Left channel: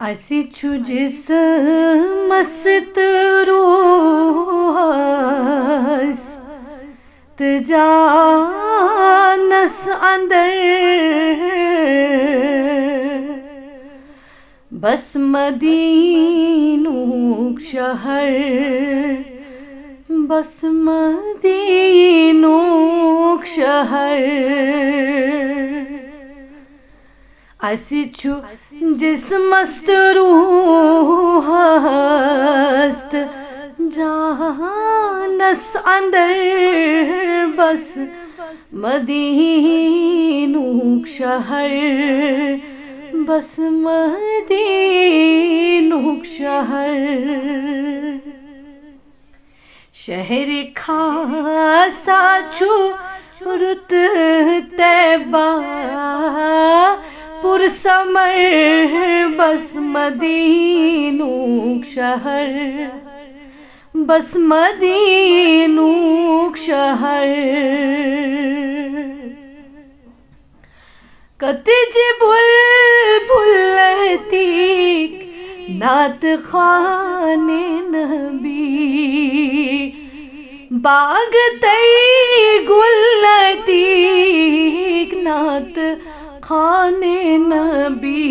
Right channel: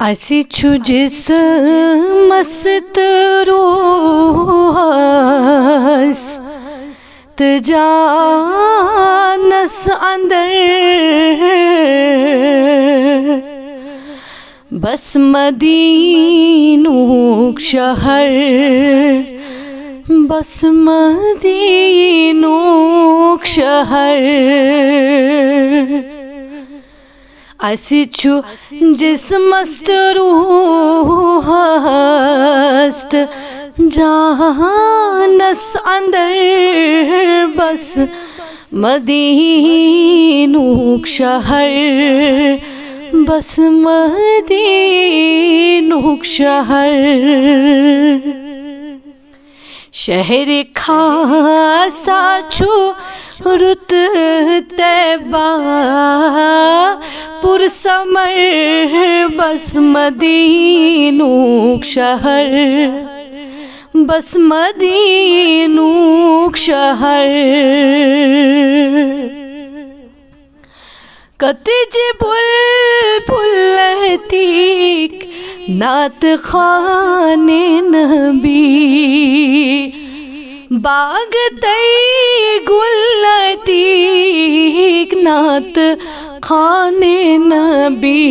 اَسہِ چھُ جسمس تہٕ روحس تہٕ جانس اندر بس مدینُک شہر، بس مدینُک شہر۔ اَسہِ چھُ جسمس تہٕ روحس تہٕ جانس اندر بس مدینُک شہر، بس مدینُک شہر۔ شہر خاصا چھُ رُت طیبہ پُرثمر، بس مدینُک شہر، بس مدینُک شہر۔ کتج بلبل عتیق نعت خوان نبی، باغ تئی گل عتیق نعت خوان نبی،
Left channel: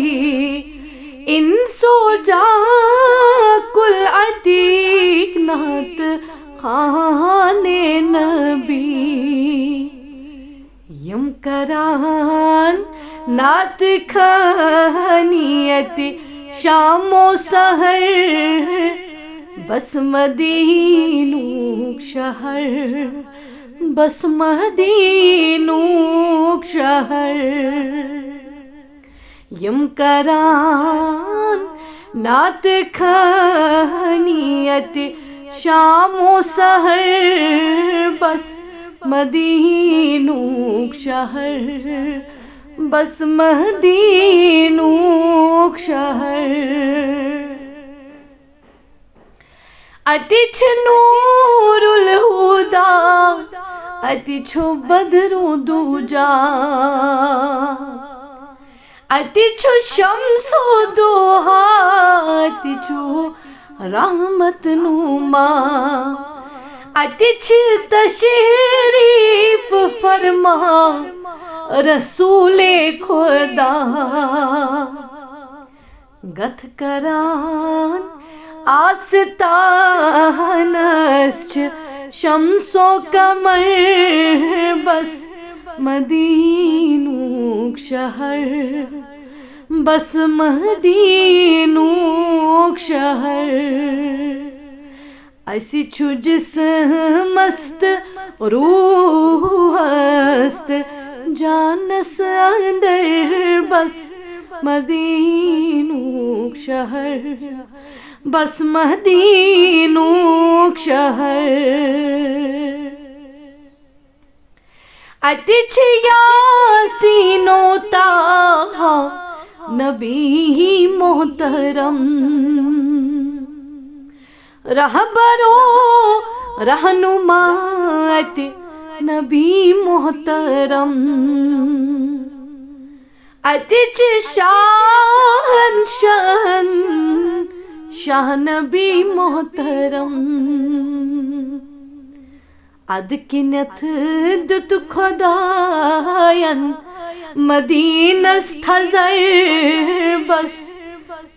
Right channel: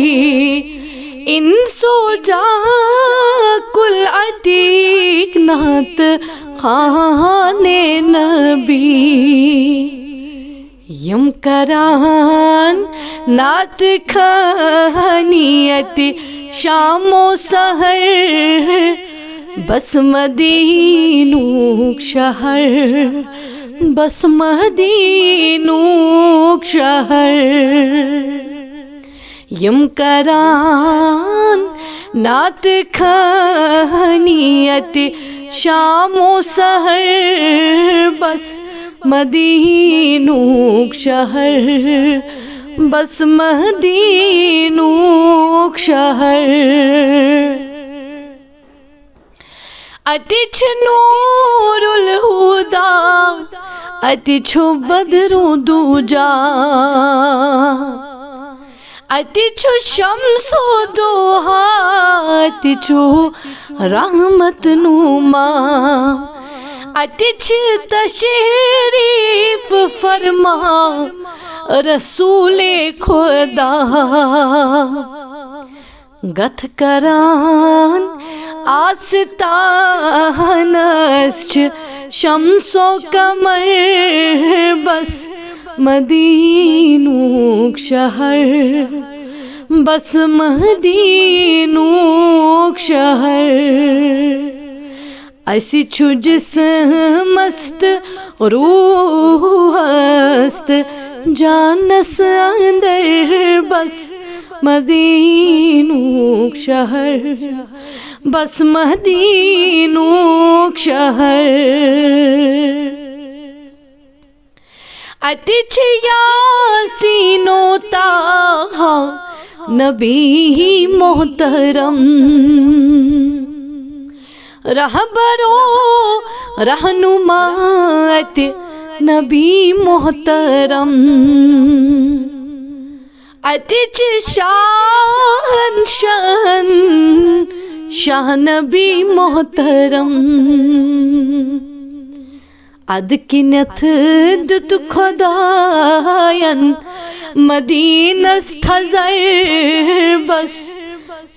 انس و جاں کل عتیق نعت خوان نبی۔ یم کران نعت خوانیت شام و سحر، بس مدینُک شہر، بس مدینُک شہر۔ یم کران نعت خوانیت شام و سحر، بس مدینُک شہر، بس مدینُک شہر۔ اَتہِ چھُ نور الہدا، اَتہِ چھُ بدر و دوجا، اَتہِ چھُ شمس و دوحا، اَتہِ چھُ رحمت نما، اَتہِ چھِ تشریف فرما رسول خدا۔ گتھ کران آستانس چھِ شمس و قمر، بس مدینُک شہر، بس مدینُک شہر۔ اَسہِ چھُ جسمس تہٕ روحس تہٕ جانس اندر بس مدینُک شہر، بس مدینُک شہر۔ اَتہِ چھِ یاسین و طٰہٰ نبی محترم، رہبر و رہنما اَتہِ نبی محترم۔ اَتہِ چھِ شاہ نبی محترم، اَدٕ کِنٮ۪تھ دیُت خۄدایَن مدیٖنس تھزر، بس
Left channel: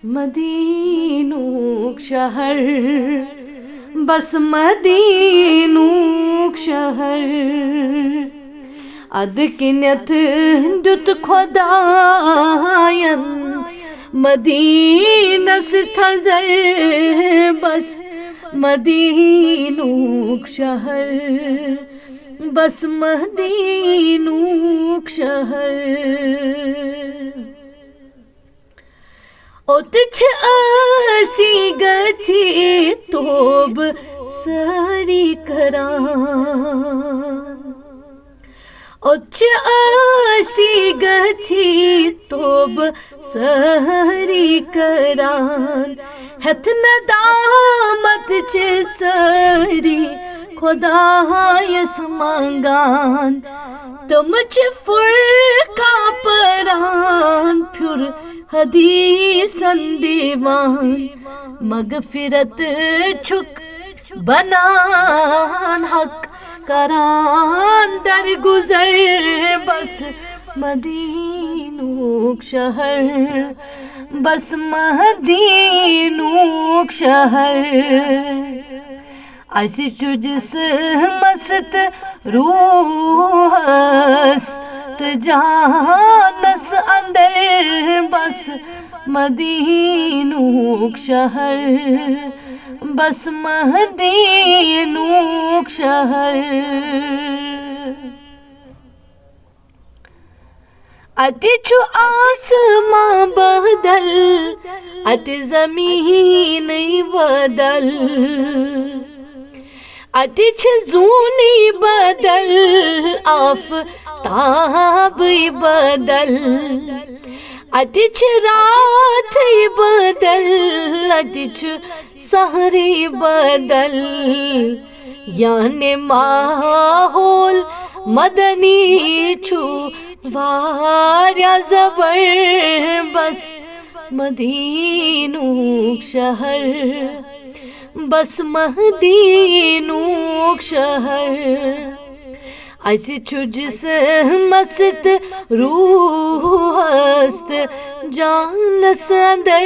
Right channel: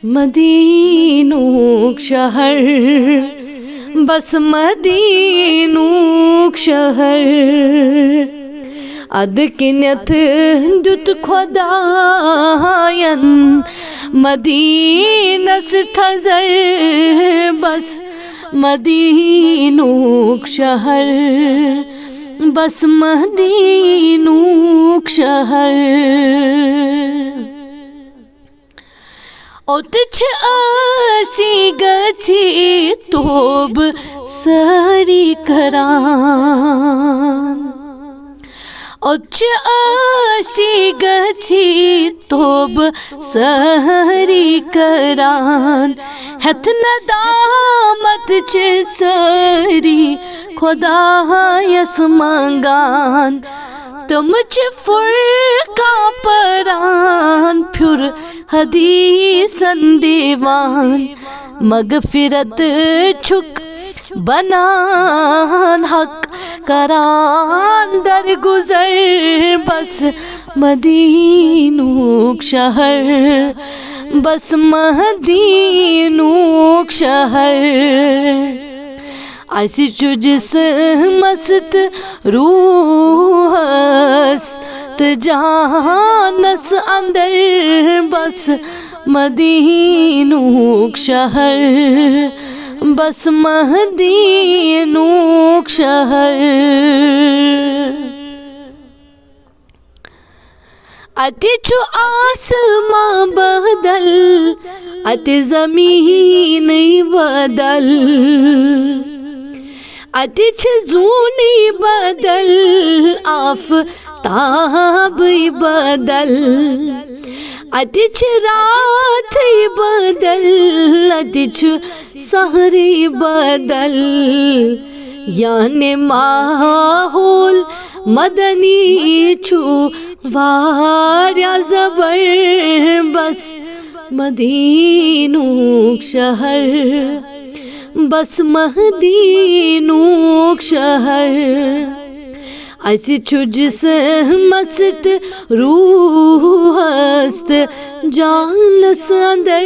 مدینُک شہر، بس مدینُک شہر۔ اَدٕ کِنٮ۪تھ دیُت خۄدایَن مدیٖنس تھزر، بس مدینُک شہر، بس مدینُک شہر۔ اوٚت چھِ ٲسی گٔژھی توبہٕ سٲری کران، اوٚت چھِ ٲسی گٔژھی توبہٕ سٲری کران، ہٮ۪تھ ندامت چھِ سٲری خۄدایس منٛگان، تِم چھِ فرقہ پران پھیُر حدیثن دیوان مغفرت چھک بنان حق کران در گزر بس مدینوک شہر بس مدینوک شہر ایسی چھو جس مست روحس جانس اندر بس مدینوک شہر بس مدینوک شہر اتی چھو آسمان بدل اتی زمین بدل اتی چھ زونی بدل آفتاب بدل اتی چھ رات بدل اتی چھ سحری بدل یعنی ماحول مدنی چھو واریا زبر بس مدینوک شہر بس مدینوک شہر ایسی چھو جس مست روح است جانس اندر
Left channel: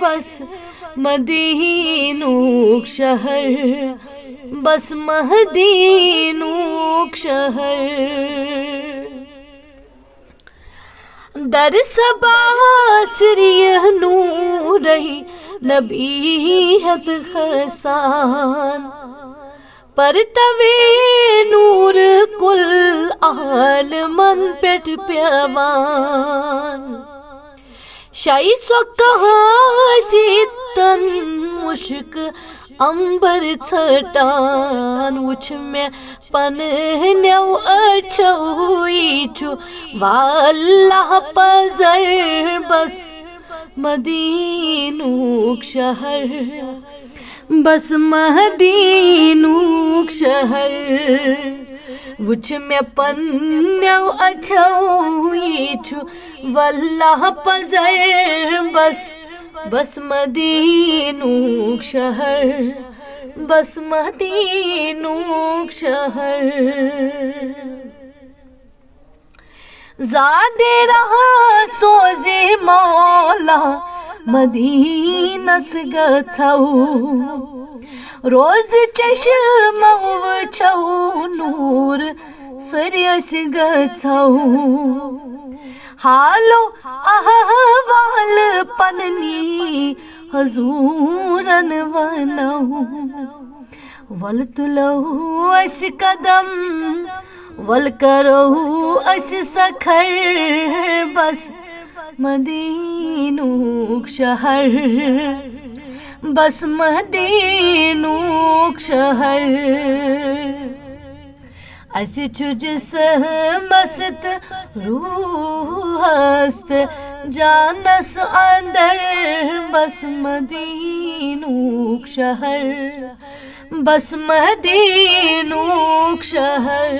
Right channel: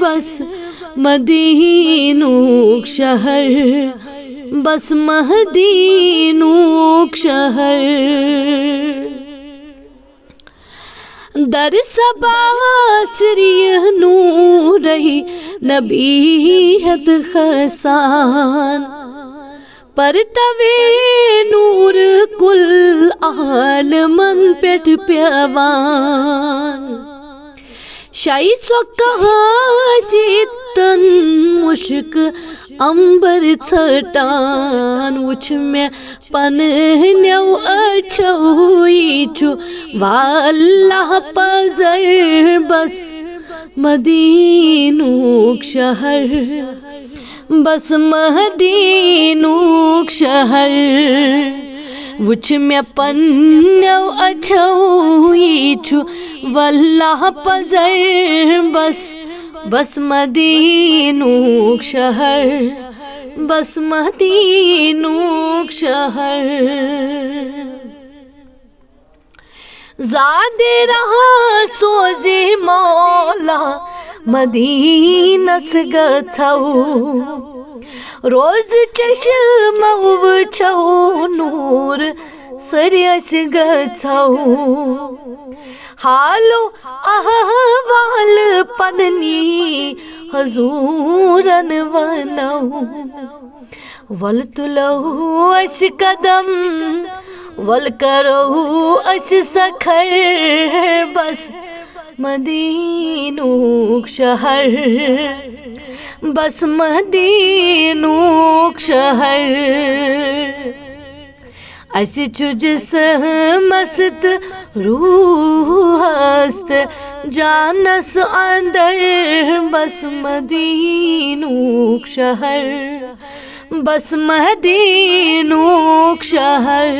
بس مدینوک شہر بس مدینوک شہر در صبا سریہ نور نبیہت خسان پرتوے نور کل عالمن پیٹ پیوان شائی سو کہاں سیتن مشک امبر چھٹان وچھ میں پنہنیو اچھوئی چھو واللہ پزر بس مدینوک شہر بس مدینوک شہر وچھ میں پنہنیو اچھوئی چھو واللہ پزر بس بس مدینوک شہر بس مدینوک شہر زاد رہا سوزی مولا مدینس گچھو روز چشمو وچھو نور سریس گچھو حالو احوال پننی حضورن ونو ول تلو اس قدم ول کرو اس سکھر بس مدینوک شہر بس مدینوک شہر ایسی چھو جس مست روح است جانس اندر بس مدینوک شہر بس مدینوک شہر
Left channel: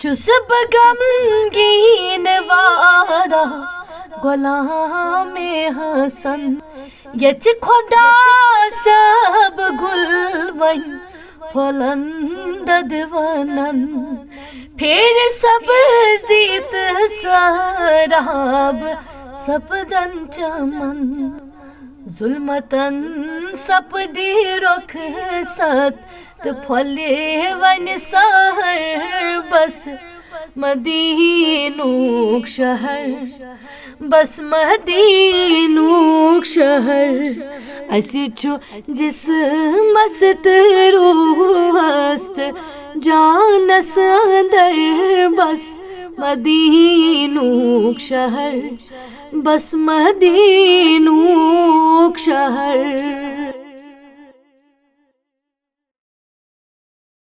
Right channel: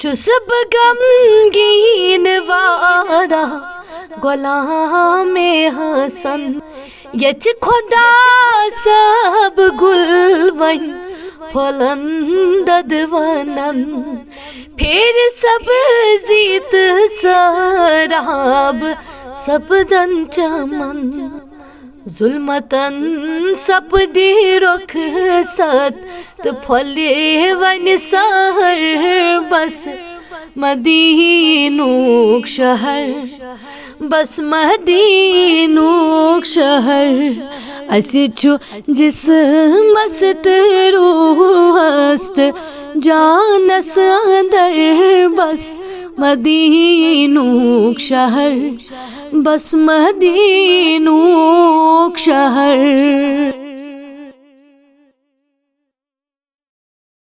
چسب غمگین وارا غلام حسن یچ خدا سب گل ون پھلن ددونن پھر سب زیت سراب سپدن چمن ظلمتن سپدی رخ ست تو پھلے ون سہر بس مدینوک شہر بس مدینوک شہر ایسی چھو جس مست روح است جانس اندر بس مدینوک شہر بس مدینوک شہر